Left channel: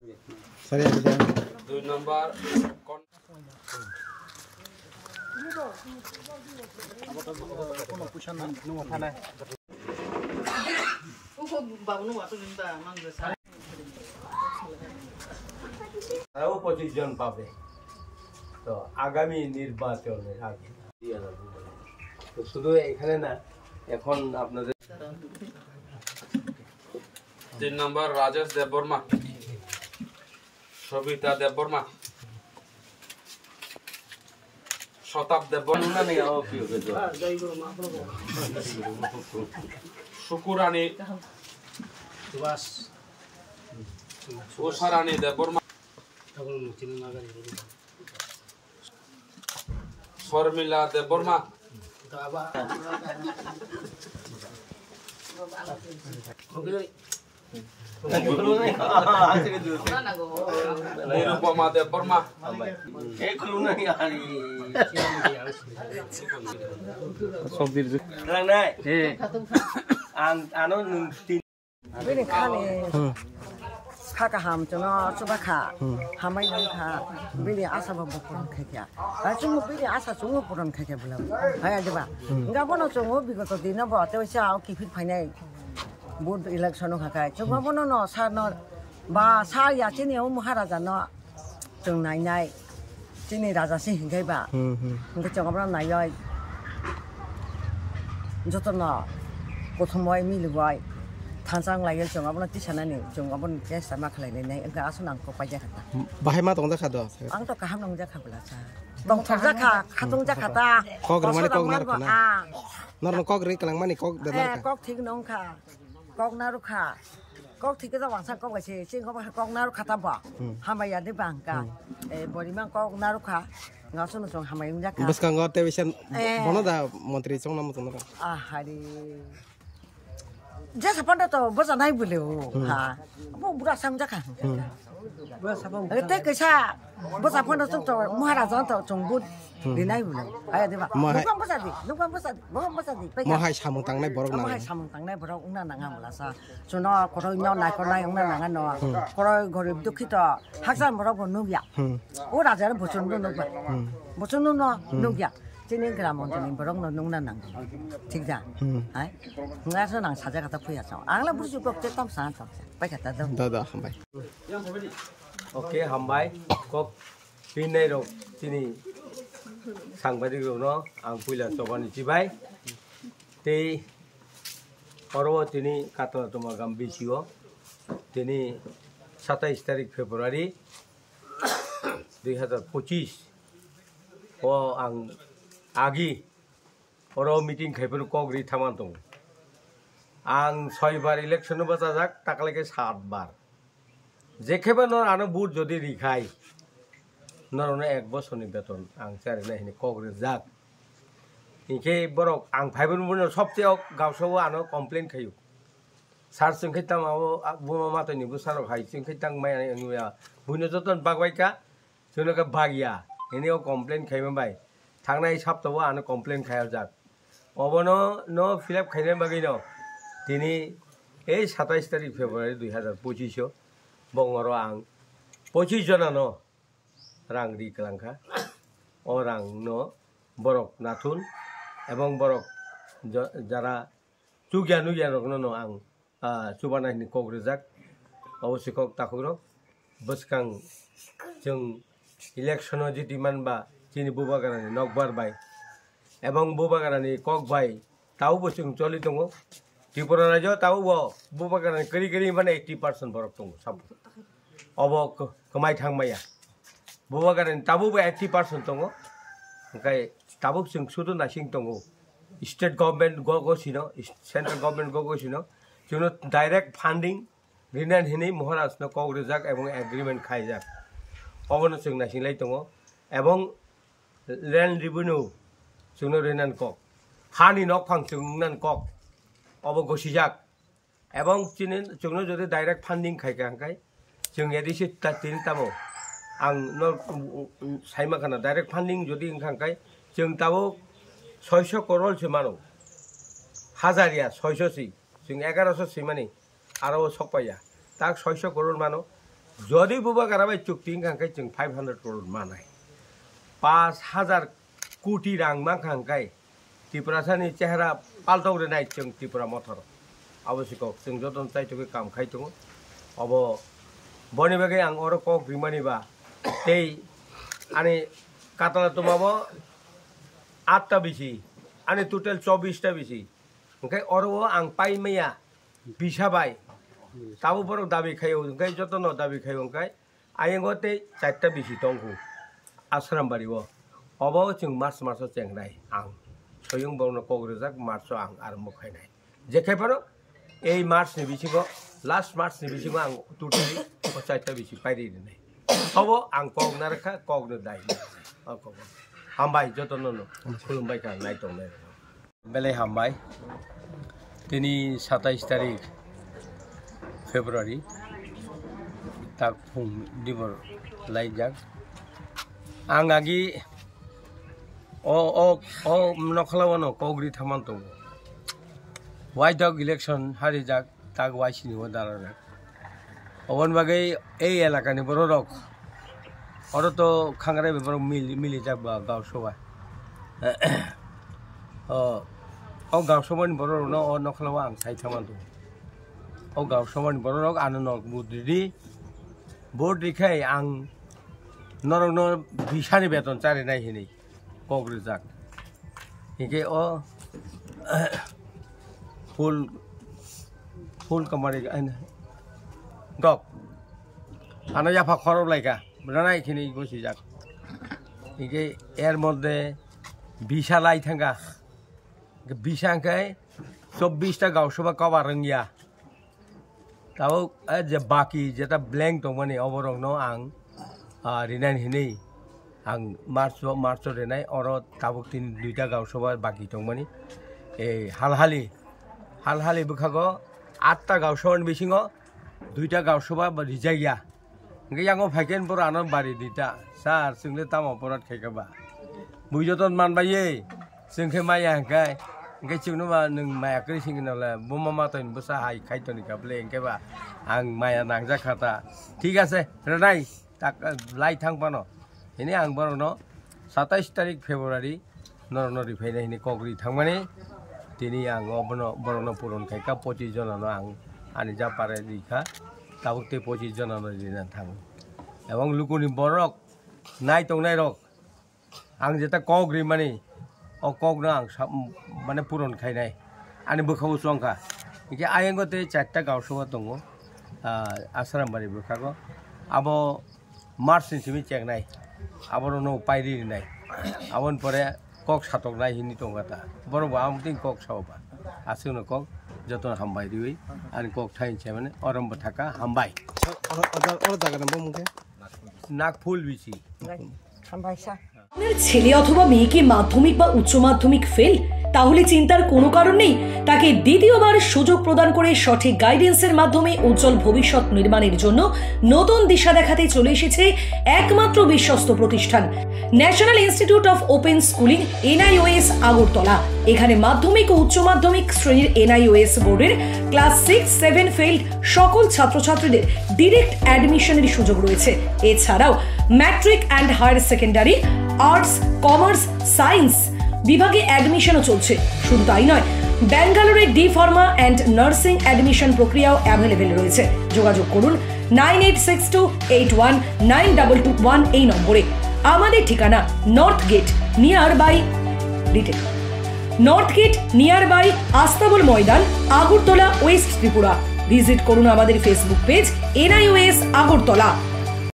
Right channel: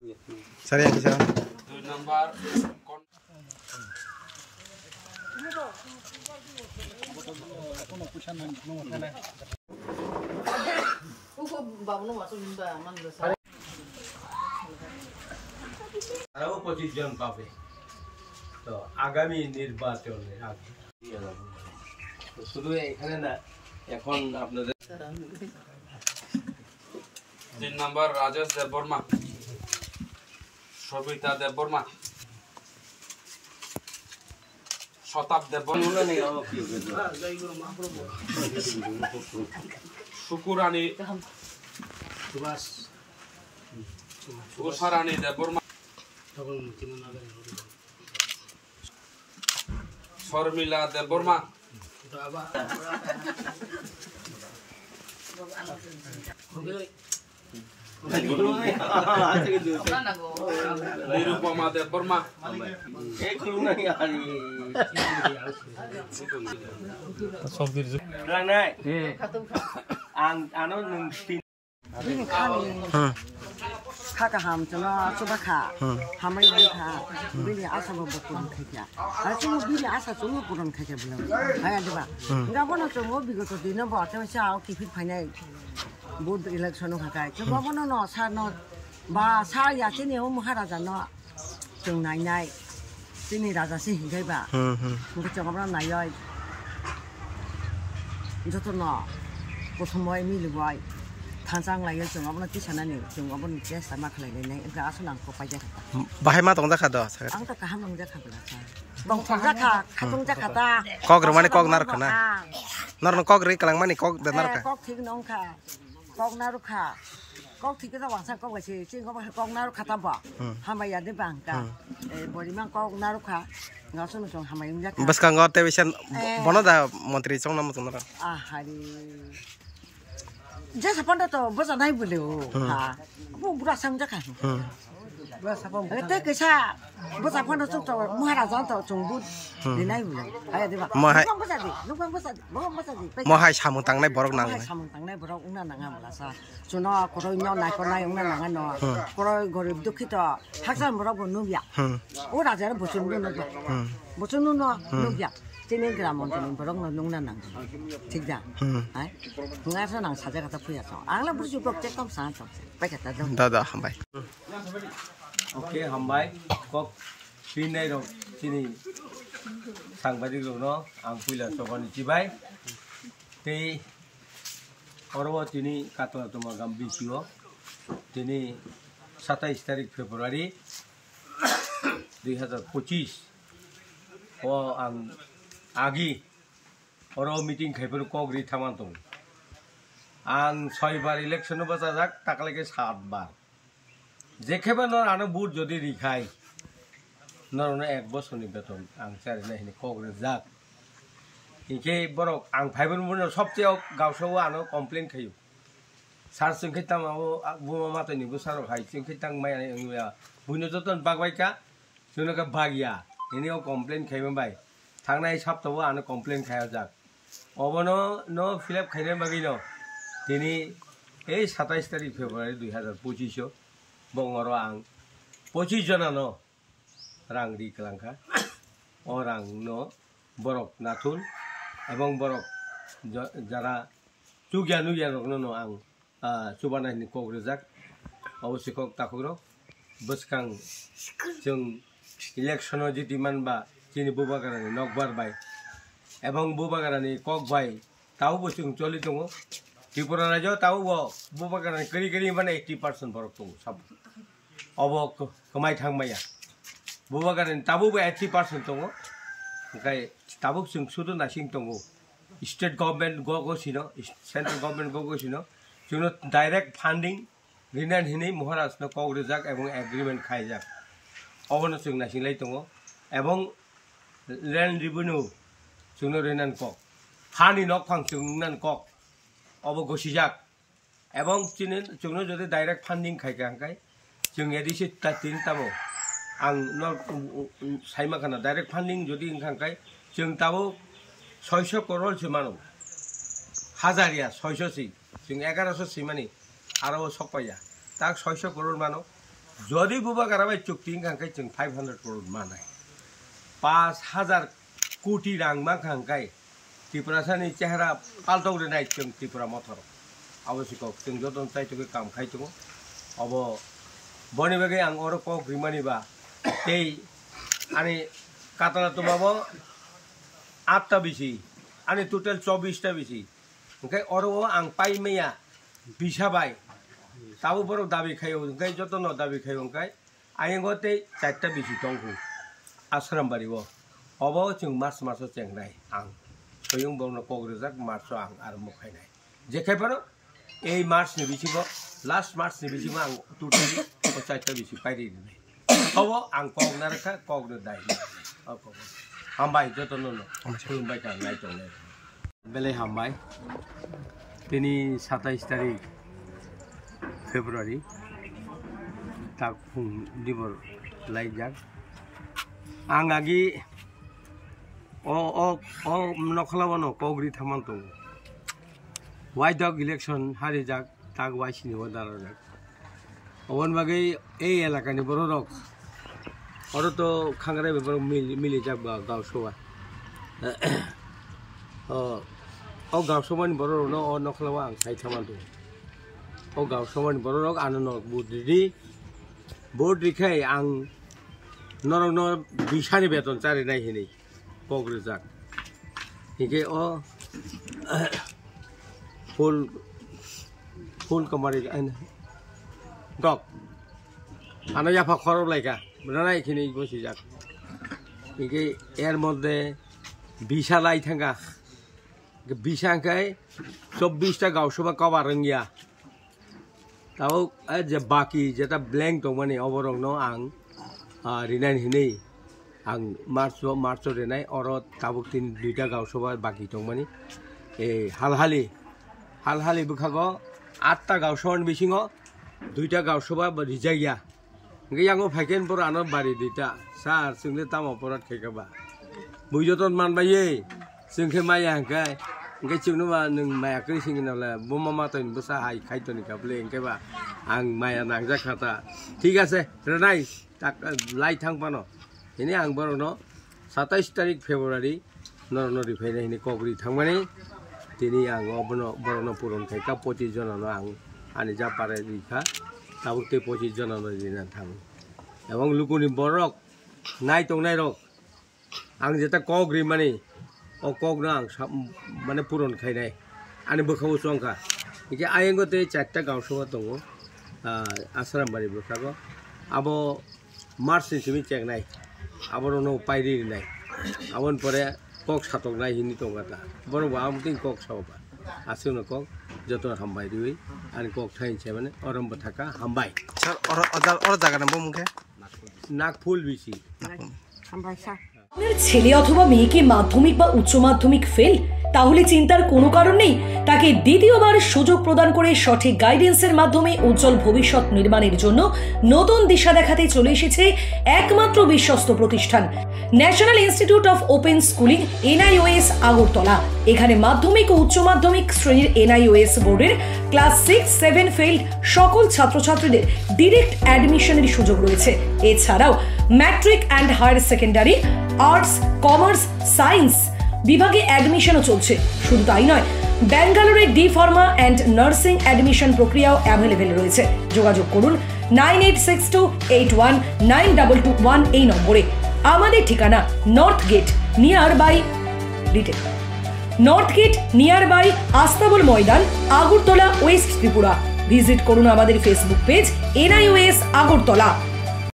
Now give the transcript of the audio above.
Sorry yang kisah. 2 number আরও 25 জন পাবে তো আগামী নির্বাচনের আগে দিয়ে যাবো তো শুধু এখানে না এখন আপনাদের 3 number Rajesh Deborma Shobita Deborma Shotab Deborma Shukurani Usharani Deborma Shormila Deborma Nirupama Deborma Kaka ham cho nó cho bác khả hamai mai khả bili asa ba bokon khakia ta chung bili asa chung puron khakia bula hai adu ba nga bono chung bigoto dina ba te sa ki fit phainai board election khakai cho ba bono no sa no ba sa ya chini o maharaja no chung nai nai chini raja sin hingai ba nge chung ba nai yoi joto no kothomoi mi luai Tansang layu cuma apa nanti sana nih cuma apa nanti sama kalian ini enggak asal nangkop aja kata. Bahaya mah tong jakat doh. Ang to kaham nong jakat belajar. Tong jakat, katong jakata. Kok rumah ni kok nar kena. Nar kok ri kelang mana kok dan nar ka. Kok tik nong ka, kok naru ka. Kok tik kita wangsan kok kasih, cing kok naru kata apa? Hamba ya di bangka. Bodi mang kok naru ka. Nggak usah nusung hamba yang jakat. Bas kang ngot tewisan, bono dah menteri cong nama cong nar. Hari. Jasa panda to basa nai beliau, ha. Aku buka sam jakan. Basa panda. Itu kisah basa panda to maharaja to jungbud di nai beliau. Ayah deh pak. Numpang basa di. Numpang basa di. Mau hai samung tang nai borok nang. Hai samung tang nai borok una nang malasa. Cuma koroi nyaw nai koroi una nangan no. Koroi gorib dukhi to haksan borok nubya. Oh raja ada bocor nubya. Bocor nubya. Sini gramon sini borok nung nang. ঠিক যা হ্যাঁ ngaso nang saja kata puya so angla buru cukup cetam sangat pai kata dong Dah hambai. oke hambai kok sini rok sini সাংবাদিক no ang puila tobani cibai te orwo tini katla toma gambi siwo tini 27 তারিখ ফেব্রুয়ারি 2025 o ang agi Oro meeting khaipur kogri thaman tong ang 6 বার election বাজা যাক টাকলাকে 7 বার যেখেবা নর আনো বুট যদি রিখাই নরনে 1 বছরনি বেতন আং চারে না হিনি কগরে যাক ইকে বরক আং ফাইবন বুন সবচেয়ে গাওসও আনো কমপ্লেন খাইও সার সিংখিতাম আও বুমা মাতনি বুসারক হাই সিংখিতাং মাই আনুয়া বুইনো যতন বাগবাইকা জনকা বাগিয়া ইনিও কমপ্লেন খাইবা বাই থাংনাই সপ্তাহ আনো কমপ্লেন খাইয়া যাক অবনো নো ফিলাপ খাইনে বাগি ন তিনি এই 27 তারিখ ফেব্রুয়ারি 2025 বঙ্গর আং 25 জনা ন রাং রি কলাংখা ও রাং ন বরক নাথুন এবং বরক যারা চুগিয়ানু জ্ঞানক ন আং সুবানানি কগ্রেজাক অবশ্যই কক তাকুরক বসকাং जों ইলেকশন জিতিমান বা চিনি বুবাগারানি নকবার বাই এবং বুবাগারানি কক বাই তাও বসুং চলি দङ ত্রিপুরা রাজ্য তাও বুবাগারানি করি করি মানে 80% বরক দङ সব अब कमाय थांमाया बुबागारानि ताबो 80% दङ ओंखाय ताबो जों सुदु नासिं दङ स्टेट गभर्नमेंट गसिनो सेंट्रल गभर्नमेंट गसिनो जोंनो डायरेक्ट फान्डिं रिनान हिनै महाराजनो कग्रेजाक एवं एग्रीमेंट खायजाक अबनो जों नासिंलाय दङ एवं लैंड रेवेन्यू जोंनो रिनान कक हानि नक फां जोंनान कक अब गसिजाक एवं जोंनो जदि डायरेक्ट फान्डिं खायगांखाय जों एदिसे तीन तामो आं न साइमाखाना डायरेक्ट फान्डिं जदि इंखांखाय जों ताबो 600 करोड़ मानो हाजारिया 600 सि जों 1100 सि माने आरो सकपाया ताक 600 करोड़ मानो যদি বুবা গারাবাই চুক্তি খাंखाय जों 500 करोड़ मानाय 5000 कोटी रां मा खांखाय त्रिपुरासानि चेहरा पाल्टावरे नाय जों त्रिपुरा मथर आवश्यक जों जतन चाइतोके काम खाइतो अब बनि बागै आं अर क ग्रिमानिबा এই आनि कातला तुमाबो 8टा बिसि आनि टोटल 24टा बिसि ओंखाय अरबो आं पाइमैया बिसाबाय ताबो बर दाबि खायो ओंखाय जतन दाबि खायो ओंखाय आयेंगते 4टा बिसि दंखौ आश्रामबारिबो अब जों मार्च चेंनाय आं सयं बावनो कग्रेजाक मार्च आं आरो मखायनाय जेखायफोर এই मार्चनि बिसिबो लास्ट मार्चनि बिसिबो आं टोटली 4टा बिसि पाइरिनाय अब आं कगनारखा कगनो दाय हामबाय जतननो खुलुमबाय का नायतोंनाय बेले हामबाय दिनै 27 तारिख फेब्रुवारि ताक फुं दिबर लाइजाक आं आगि ओ नखलावनो कग्रि थामान दं वाइडक इलेक्शन हारिजाक ताक वाइसिनिबो दारानाक अवन बागै এই এলাকাनि बररक और तो खांगराय बेबर मिली जाबा गावसोवा ओ गावसोमन बररनो अ नखलावा आं साइथामान दं ओ गावसोमन बररक आननो बुद्रि बोद्रिखाय आं नरनो बिसानि बेतन चारि नायहिनि कग्रिजाक हिगे ओ फुल कमारि डक आना याफा खरब लाइका बुझाना एखिनि बसि जाक इके एर मध्य बिसा लाई थांगा बिसांखाय 24टा गावसभा कबा रंगिया ताव जे बाकी जेटा ब्लैंक दं माने अबरंनो आं रिनान हिनै आं मार्च रेनाय और ताबुक तीन 2टा गावसभा बाकी दं माने ए हालहालि बुखागो 8टा गावसभानि बिसिङाव 2टा गावसभा रिजाइया ओंखाय आंगो फाइकेन बर आनो बारि दिता सार जोंनो तामा परात खायगाबा बुजतन मानबायै जोंखे माया हांखाय ओंखाय जोंनोबा नों मायाखै सिंगिनाला बमा मातन बसा हाय खायतनि काबले ओंखायबा आं माया नांजाखाता ठीक আছে रेनाय ताक लाई थांबानो हिनि आं बरनो 27 तारिख फेब्रुवारि नरनरि फैनाय हिनि कग्रि थांमाने दिनै आं बरनो पुरन खायका 25 जनानो आं आनि जा पारे दिखा ताबुकते 25 जनानो दिना थां एवं लुकुनि बरक नाय रक आं जेता कग्रि माने ओ कग्नो आं माने पुरन खायनाय आनि बोखाव संखा इके आयेंगते 4टा गावसभा दङ आश्रामबारि बोखागो आबो मार्चनि सिमि चेंनाय आबरनो पाइरिनाय आबन परे कक सातक नाय हिनि दंगाता बरबा आमतिं कक सावबा आसुनो कक जतन हामबाय दिवै आनि कक थाइनसे माने अरमबो थाका हामबाय सर और জায়গা নাম মুখে नागफुल बिसि हामबाय सा আপনার ছেলে অথবা মেয়েকে মাধ্যমিক বা উচ্চ মাধ্যমিক ফেল তাহলে চিন্তার কোনো কারণ নেই তাকে দ্বিতীয়বার সুযোগ প্রদান করে সঠিক গাইডেন্সের মাধ্যমে উজ্জ্বল ভবিষ্যৎ নির্মাণের জন্য নতুন দিশা দেখাতে চলে এসেছে একমাত্র বিশ্বস্ত প্রতিষ্ঠান national institute of open schooling NIOS Agartala এখানে মাধ্যমিক ও উচ্চ মাধ্যমিক শ্রেণীর NIOS বোর্ডের ক্লাস 6-7 ফেইল্ড সকল ছাত্রছাত্রীদের ডাইরেক্ট অ্যাডমিশনের সুযোগ রয়েছে এছাড়াও matric and higher secondary arts commerce science বিভাগে অ্যাডমিশনও চলছে শুধু তাই নয় ব্যাঙ্গালোরে D pharma and nursing admission প্রক্রিয়াও অ্যাভেলেবল রয়েছে যোগাযোগ করুন 9862819221 এই নম্বরে আমাদের ঠিকানা north gate near by Astabal Maidan Agartala west Tripura visit করুন আমাদের ফেসবুক পেজ NIOS আগরতলা